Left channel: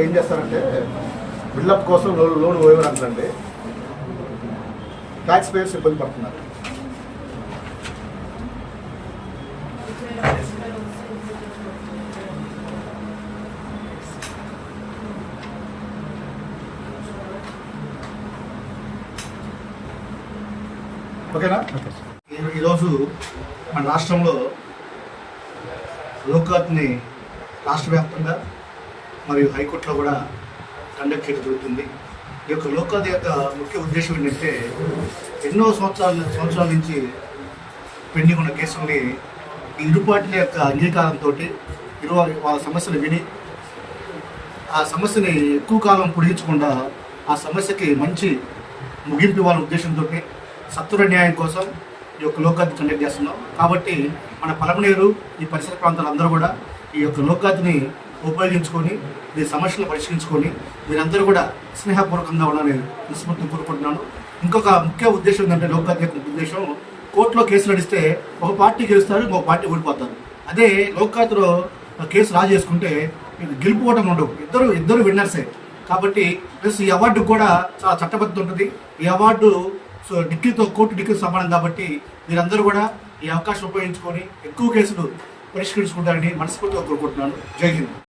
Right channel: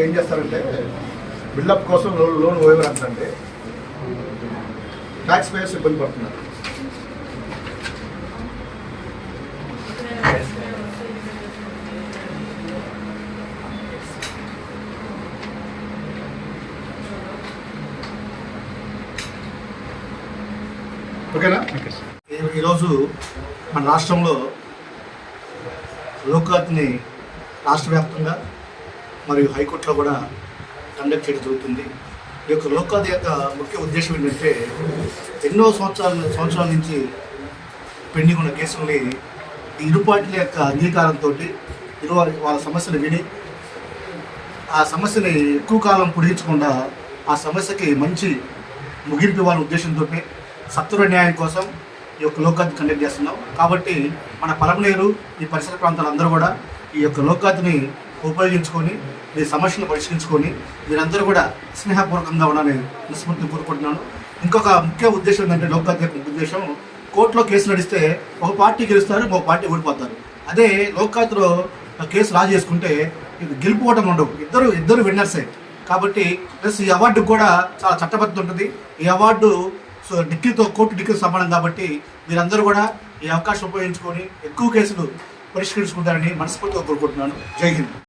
ఏం చేస్తారంటే బిల్డప్ కోసం లోన్ వేయరు అంటే ట్యాక్స్ పేయర్స్ ఇబ్బంది పడుతున్నారు. ఓకేనా? ఈరోజు మన రాష్ట్రంలో లోక్అదాలత్ని రాష్ట్ర వ్యాప్తంగా మరియు హైకోర్టులో కూడా కండక్ట్ చేయడం జరుగుతుంది. ఈ యొక్క లోక్అదాలత్ యొక్క ముఖ్య ఉద్దేశం ఏంటంటే ఎన్నో సంవత్సరాల నుంచి పెండింగ్ ఉన్న కేసుల్ని ఇరు పార్టీల యొక్క అంగీకారంతో వాళ్ళ సమస్యలు విని ఆ సమస్యని ఎక్కువ కాలం పొడిగించకుండా ఆ సమస్యకి మంచి ముగింపు ఇవ్వాలనే ఉద్దేశంతో సత్వర న్యాయం కోసం ఈ యొక్క లోక్అదాలత్ కండక్ట్ చేస్తున్నాం. కాబట్టి మన పలమనేరు ఈ పరిసర ప్రాంతాలందరూ కూడా ఈ యొక్క లోక్అదాలత్ని ఉపయోగించుకొని మీ సమస్యలను పరిష్కరించుకొని మీరందరూ కూడా స్నేహపూర్వకంగా ఉండాలని మనస్ఫూర్తిగా కోరుకుంటున్నాను. ఇంకొక ముఖ్య ఉద్దేశం ఏంటంటే లోక్అదాలత్ యొక్క ఉద్దేశం, కోర్టులో కేసు నడిస్తే ఒక పార్టీ గెలుస్తారు, ఒక పార్టీ ఓడిపోతారు. అదే లోక్అదాలత్లో కేసు రాజీ చేసుకుంటే గెలుపుకోవటం ఉండవు, ఇద్దరు విన్నర్సే. కాబట్టి ప్లస్ ఈ అవార్డుకు కూడా చాలా చట్టబద్ధత ఉంటుంది. ఈ అవార్డు కోర్టు డిగ్రీతో సమానం. కాబట్టి మీరందరూ కూడా ఈ అవకాశం ఉపయోగించుకొని ఎక్కువ కేసులు పరిష్కరించుకుంటారని మనస్ఫూర్తిగా కోరుకుంటున్నాను. జై హింద్.